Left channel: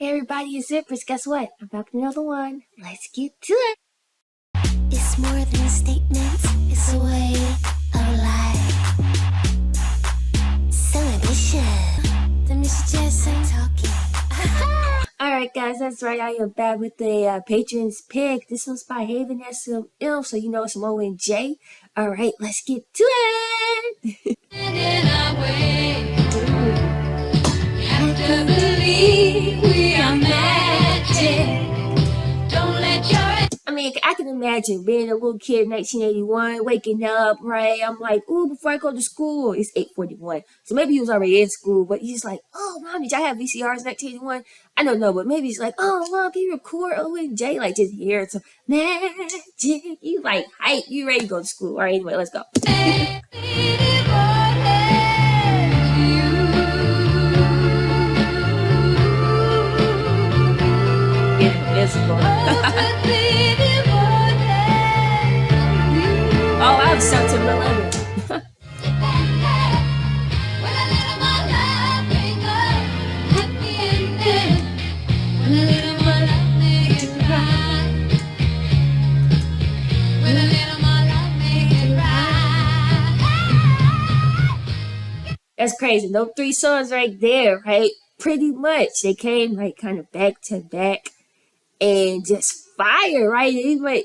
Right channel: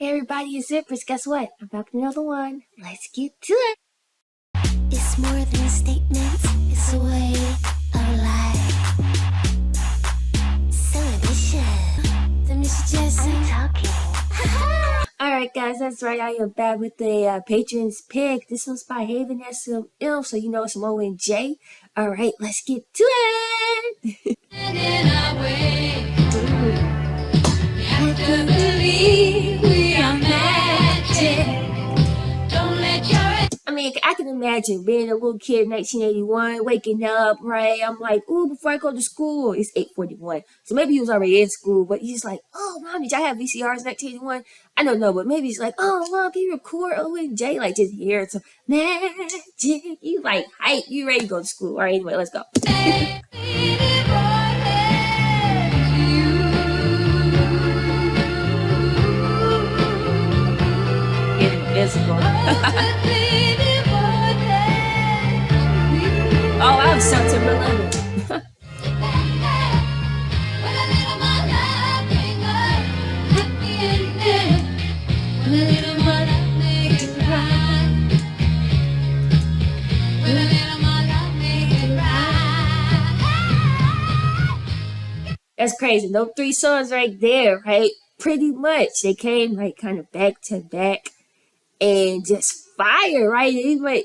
Hey everybody, it's Empress. Guess what? I'm back with another one. Let's get to it. It's more than statements, it's a way of life. So ambition. The Mr. Jackson talking. Alright guys, that's right. I am back with the Patron's Pick. This one's by Haven SML, so you know it's some O&J. Alright, let's get to it. I can believe we are magic. I mean, I can imagine being a little kid in 1981, waking up, right? I'm like, ooh, before I go to school, it's 8:41. So maybe he was already in school, but he's like, oh, Mom, did y'all have VCRs in 1981? I don't know, but maybe he's like, oh, Mom, can you record O&J? Like, just hear some magic. You like, hype, you ready to go to school. All right, anyway, let's go. Get invisible. Oh, I was September 11th. That's crazy. Those three songs right there, right? Pretty much. They came like kind of back to back and just fire, right? Anyway,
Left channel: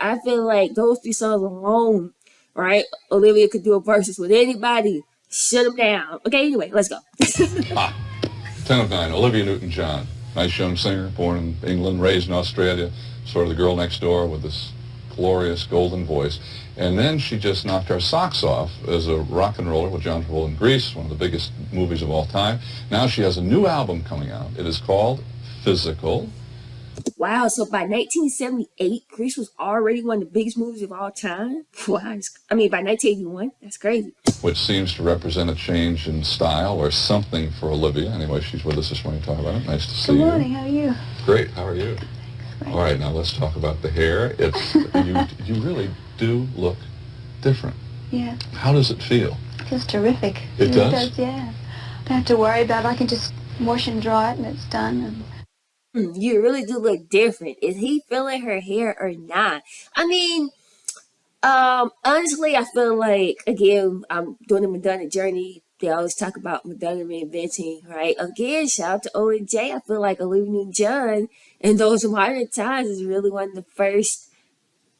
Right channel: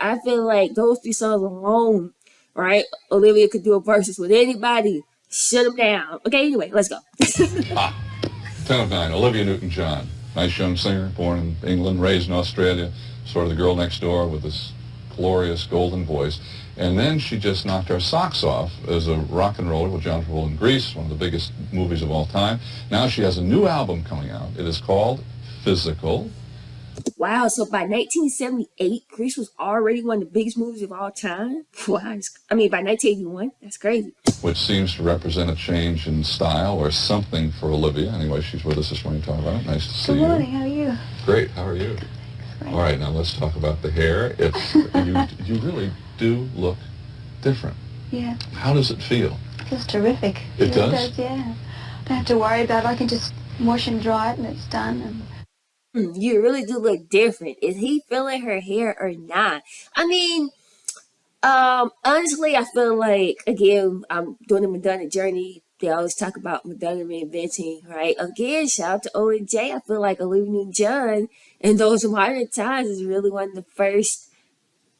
I feel like those three songs alone, right? Olivia could do a versus with anybody. Shut them down. Okay, anyway, let's go. 10 of 9, Olivia Newton-John. Nice young singer, born in England, raised in Australia, sort of the girl next door with this glorious golden voice. And then she just knocked our socks off as a rock and roller with John Travolta in Grease, one of the biggest movies of all time. Now she has a new album coming out. It is called Physical. Wow, so by 1978, Grease was already one of the biggest movies of all time? Wow, I mean, by 1981, that's crazy. Which seems to represent a change in style or something for Olivia. Anyway, she's with us this morning to talk about it. Nice to see you. Good morning, how are you? Great, how are you? Great. All right, now let's talk about the hair. It's you really do look different. Yeah. How does it feel? It feels terrific. It does? Yeah. Don't have to worry about it. I can just wash and dry it and it's done. You really do look different. Is he feeling her hair or not? I mean, honestly, I feel like, again, I'm doing the Madonna journey. They always talk about Madonna reinventing, right? Again, shout out to O&J. I feel like Olivia Newton-John in those modern times is really one of the first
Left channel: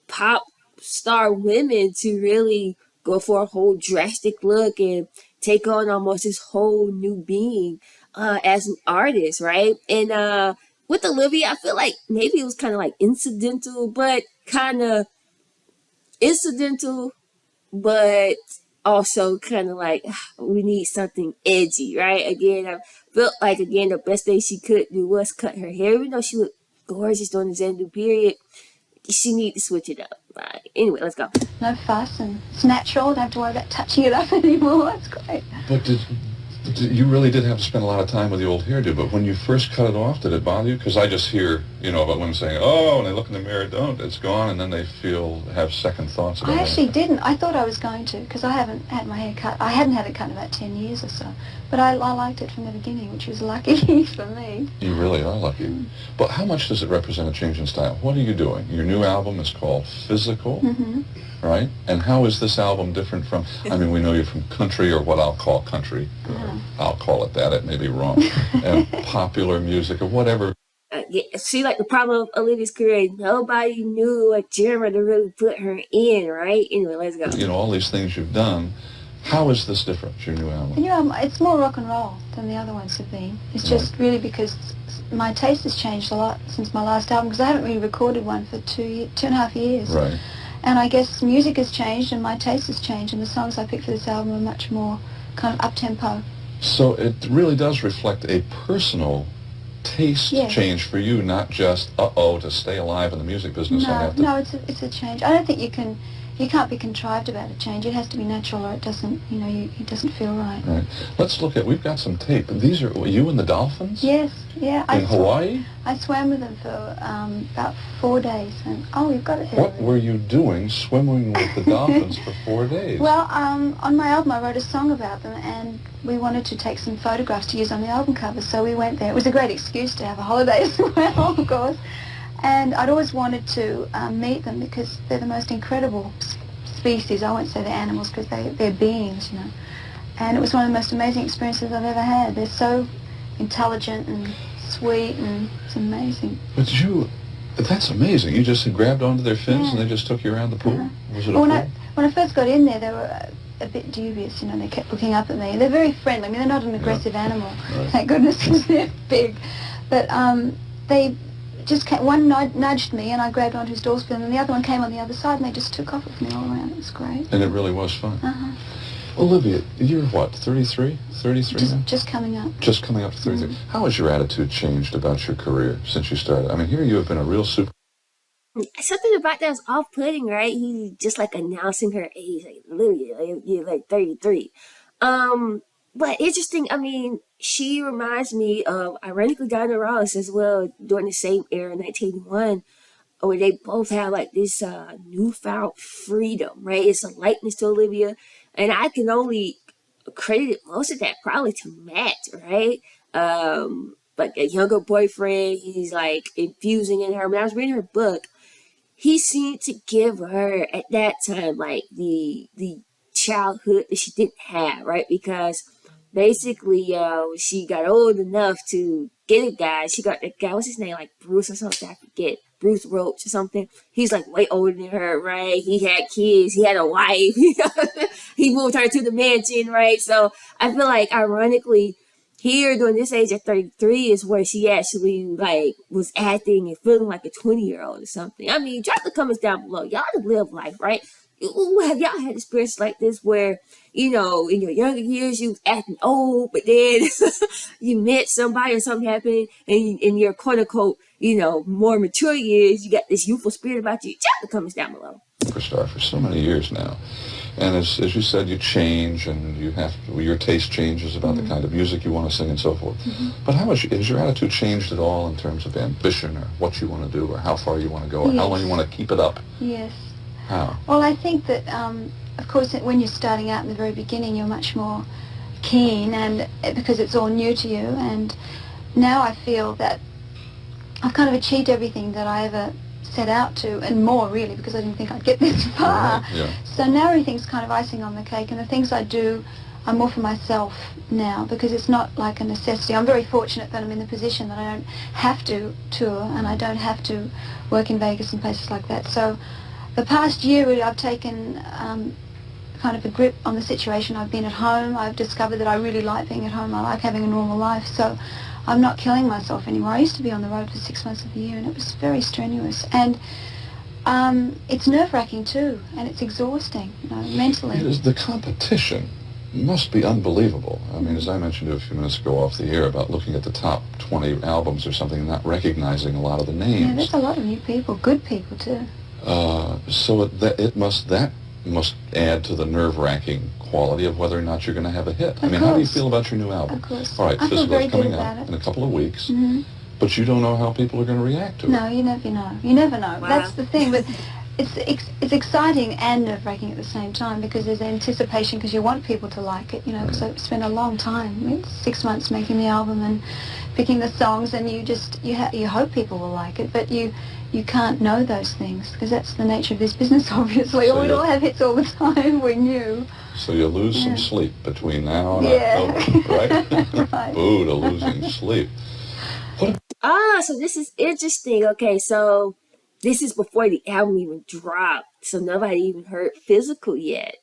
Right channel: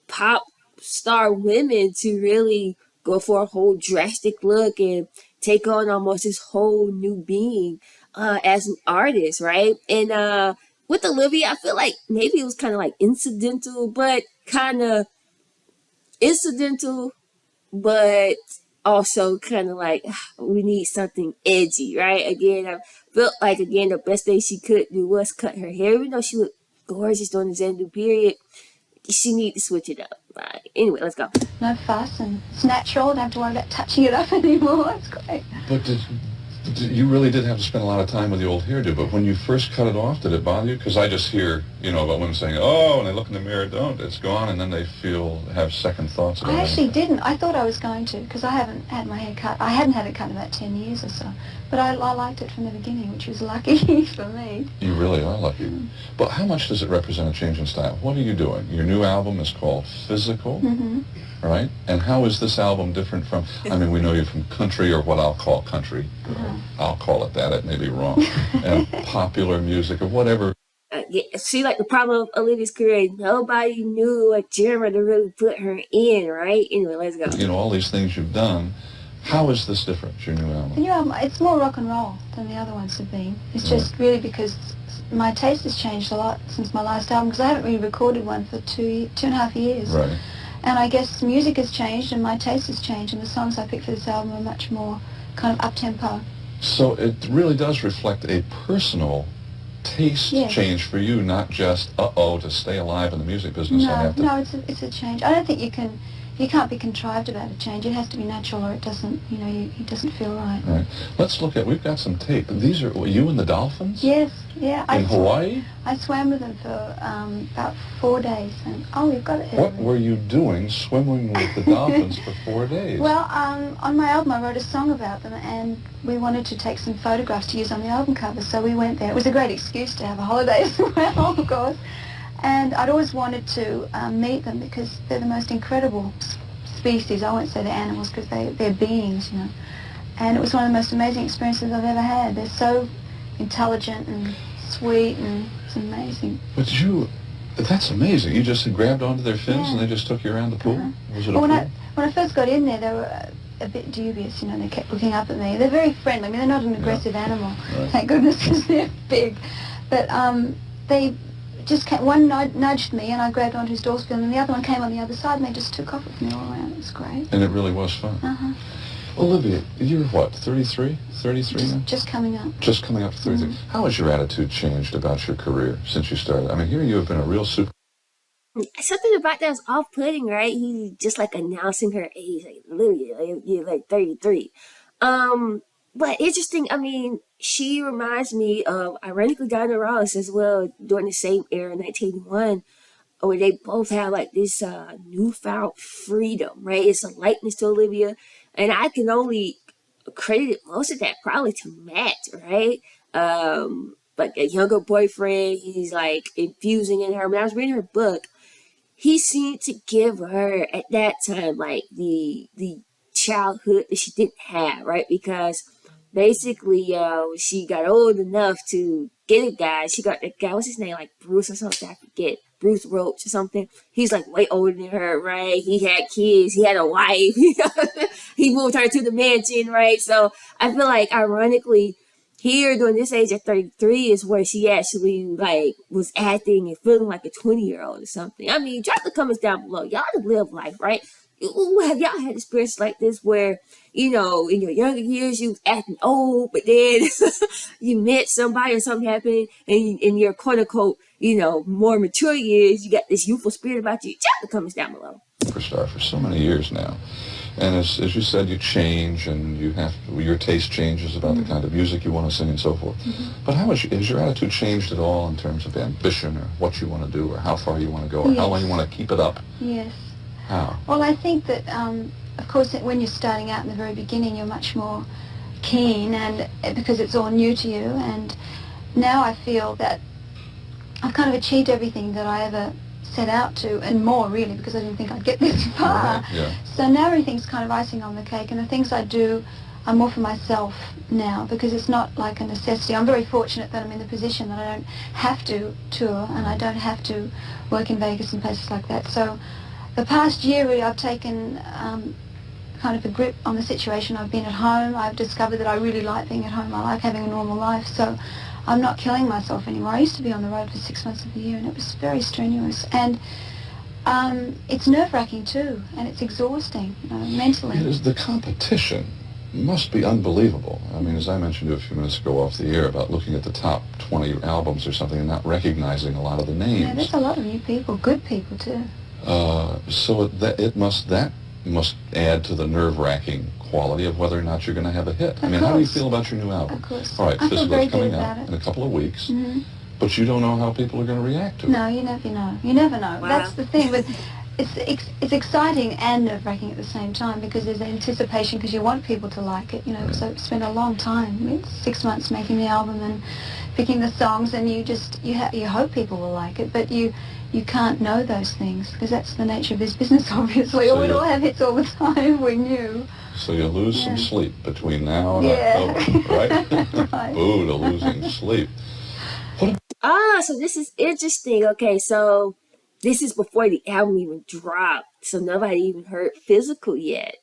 pop star women to really go for a whole drastic look and take on almost this whole new being as an artist, right? And with Olivia, I feel like maybe it was kind of like incidental, but also kind of like we need something edgy, right? Again, I felt like the best thing she could do was cut her hair, even though she looked gorgeous during the Zendu period. She need to switch it up. Right. Anyway, let's go. No fuss and it's natural. Don't have to worry about touching it up anymore. That's great. But you really did have to spend a lot of time with the old hairdo, but when you first cut it off, did it bother you? Because I just hear, about women saying, oh, and they look in the mirror, don't, it's gone, and then they have second thoughts about it. I actually didn't. I thought I was going to because I haven't had my hair cut. I hadn't had it cut in about 10 years or so. But I liked it from the beginning, which was lucky for me. You really are lucky. But how much does it represent a change in style? What are you doing? Your new album is called Physical. Right? And how is this album different from, I mean, we know you're from country, or what I'll call country. I'll call it that. It may be wrong. And popular music or whatever. See, like the problem of Olivia's career, nobody knew what genre to really put her in, right? Anyway, let's go. All these things you've done. How is this different, your new album? The new album, it's more rock and roll than the other ones have been. It's just really because my taste has changed a lot since my last album, because I haven't really recorded one for two and a half years. Right. And I guess music has changed and my taste has changed, and the songs I picked for this album are much more kind of up-tempo. So it really does reflect a personal taste change for you, not just, to stay alive in the music business. No, it's a change. I don't think you can you can't be contrived about a change. It has to be natural, or it doesn't, it doesn't feel right. Right. Let's look at, we've got some tape. These are you and the dolphins? Yes, yeah. In Hawaii? I swam with them for about 4 days. And we've got it here. What were you doing swimming with the dolphins for 4 days? Well, on my album I wrote a song about them, and we wanted to take some photographs to use on the album cover, so we went there. It was a great excuse to have a holiday as well, of course. And I'd always wanted to meet them because they're the most incredible species. I won't say they're animals because they're beings, And it was one of the most amazing experiences I've ever had. They're so intelligent and sweet, and it's amazing. But that's amazing. You just grabbed onto their fins and they just took you around the pool? Was it a pool? When I first got in there, they were a bit dubious, They kept looking up at me. They're very friendly. I mean, they're not an aggressive animal, thank goodness, because they're big. But they just one nudged me, and I grabbed onto his dorsal, and the other one came on the other side, and they just took off with me all around. It was great. And it really was fun. Uh-huh. Olivia, you're what, 33? 33 now? Just coming up. Just coming up to 33. Mm-hmm. How has your attitude changed about your career since you started? I mean, here you have been a real super... Something about that was off-putting, right? He just like announcing her age, like, Olivia, you're like 33. But interesting, I mean, she reminds me of, ironically, Diana Ross as well, during the same era, 1981, where they both have like this newfound freedom, right? It's a lightness to Olivia, and I can only credit most of that probably to Matt, right? Like a younger boyfriend, he's like infusing in her. When I was reading her book, he seemed to give her at that time like the childhood that she didn't have, right? Because basically, when she got old enough to get a guy, she got that guy, what's his name, like Bruce or something, I forget, Bruce Roach or something. He's like way older than her, right? He had kids, he had a wife, he moved her to the mansion, right? So I feel like, ironically, here during this age of 33 is where she actually like was acting and feeling like a 20-year-old or something. I mean, drop the comments down below. Y'all live life, right? Have y'all had experience like this where, in your younger years you was acting old, but then you met somebody or something happened, and in your quote unquote, more mature years, you got this youthful spirit about you? Drop the comments down below. Superstar for so many years now. And as you said, you change, and your taste changes about the kind of music you want to sing and so forth. Mm-hmm. But how has your attitude changed at all in terms of ambition, or what you want to do, or how far you want to go, or how long you want to keep it up? Yes. How? Well, I think that, of course, when you're starting out in the very beginning, you're much more keen, and because it's all new to you. And now I feel that I've kind of achieved everything that I ever set out to, and more really, because I didn't think I'd get this far. Right, yeah. So now everything's kind of icing on the cake, and the things I do are more for myself now, because it's not like a necessity. I'm very fortunate that I'm in the position that I don't have to tour, and I don't have to work in Vegas and places like that. So the past year I've taken kind of a grip on the situation. I've been at home. I've discovered that I really like being at home. I like having a normal life. So I'm not killing myself anymore. I used to be on the road for 6 months of the year, and it was very strenuous. And it's nerve-wracking too, and it's exhausting, mentally. The competition must be unbelievable. I mean, as I mentioned a few minutes ago off the air about looking at the top 20 albums or something and not recognizing a lot of the names. Yeah, there's a lot of new people, good people too. So that must add to the nerve-wracking quality of whether or not you're going to have a hit. I mean, how do you feel about your new album? Of course. All right, I feel Physical's very coming good out about it. in a couple of weeks, Mm-hmm. but you don't know how people are going to react to it. No, you never know. You never know. Wow. That's the thing. But it's exciting and nerve-wracking at the same time, because there's anticipation, because you want people to like it. Because I spent a long time, 6 months making the album and picking the songs, and you hope people will like it, but you can't know those things, because that's the nature of this business, obviously. So We don't have hits all the time. We're new. So you lose some sleep between now and Yeah. October, right? Right. Boo to losing sleep. So this is interesting. Okay, so this is before the album even dropped, so nobody even heard Physical yet.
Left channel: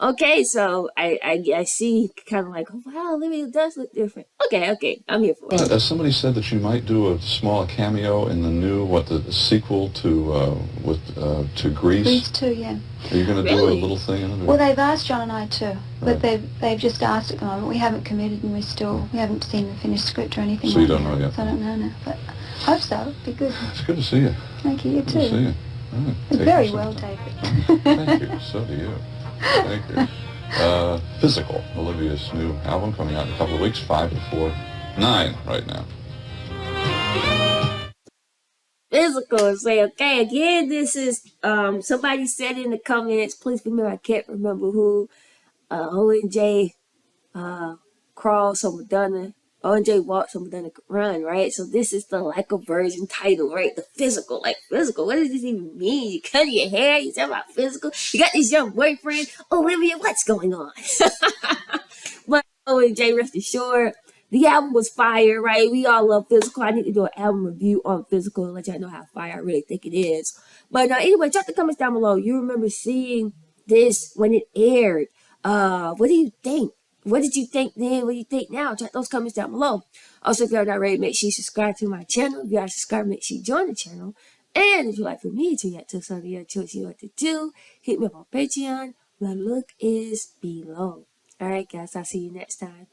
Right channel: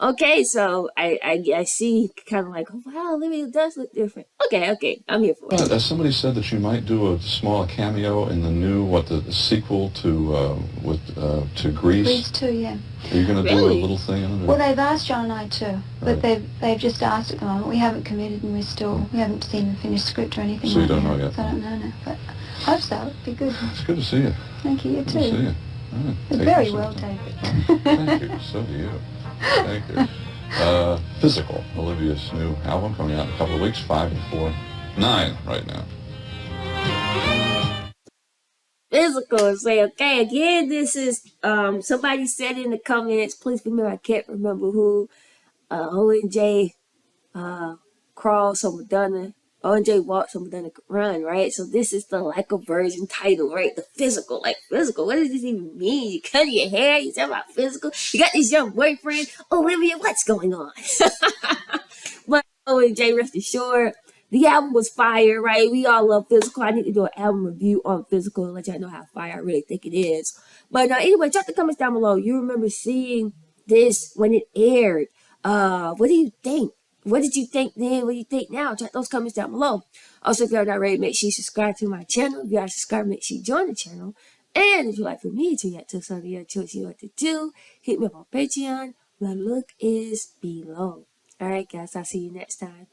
Okay, so I see, kind of like, oh, wow, Olivia does look different. Okay, I'm here for it. Somebody said that you might do a small cameo in the new, the sequel to Grease. Grease too, yeah. Are you going to do a Really? little thing in it? Well, they've asked John and I too, but Right. they've just asked at the moment. We haven't committed, and we haven't seen the finished script or anything. So you like don't know that. yet? So I don't know now, but I hope so. It'd be good. It's good to see you. Thank you. You Good to see too. you. Take Very your well time. taken. Thank you. So do you. Thank you. Physical, Olivia's new album coming out in a couple of weeks, 5 to 4, 9 right now. Physical and say, okay, again, this is somebody said in the comments, please remember, I can't remember who, ONJ crawl so Madonna, ONJ walk so Madonna could run, right? So this is the like a version title, right? The physical, like physical. What does this even mean? You cut your hair, you talk about physical. You got this young boyfriend, Olivia, what's going on? But ONJ, rest assured, the album was fire, right? We all love physical. I need to do an album review on physical and let y'all know how fire I really think it is. But anyway, drop the comments down below. You remember seeing this when it aired. What do you think? What did you think then? What do you think now? Drop those comments down below. Also, if you're not already, make sure you subscribe to my channel. If you are subscribed, make sure you join the channel. And if you'd like for me to react to something your choice, you know what to do. Hit me up on Patreon. My link is below. Alright, guys, I'll see you next time.